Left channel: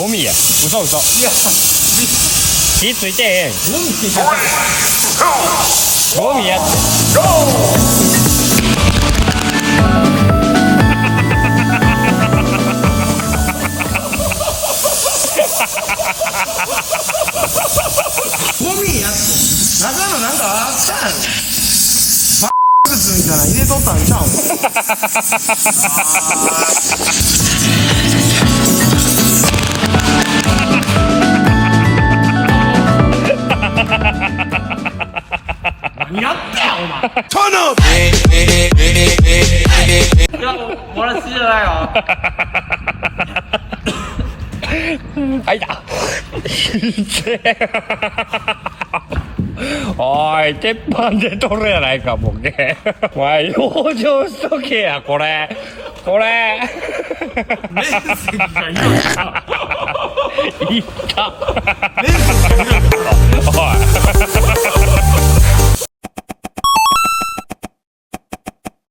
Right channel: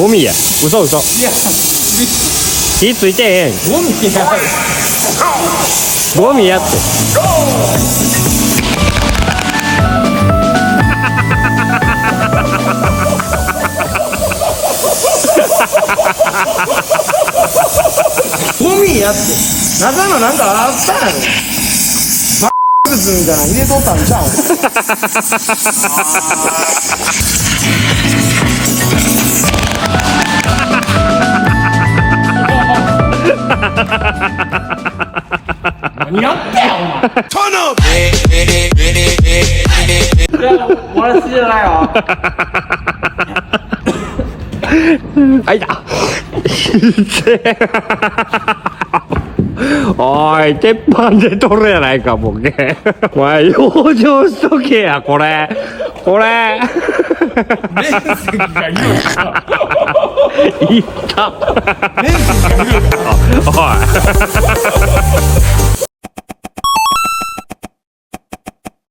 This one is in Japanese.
ゴミや。嘘嘘。いや火ついてへん。ゴミやゴミやって。ゴミやって中のなんかあったんやろバッみたいなの入れとったんちゃう何やったよお前Turn up! いや俺好きじゃないわあいた。おい、鉄板で取るやないか、ボケ。お前、養生しとけや、これ。これ。面積が言うたいった。面積が言うたおい。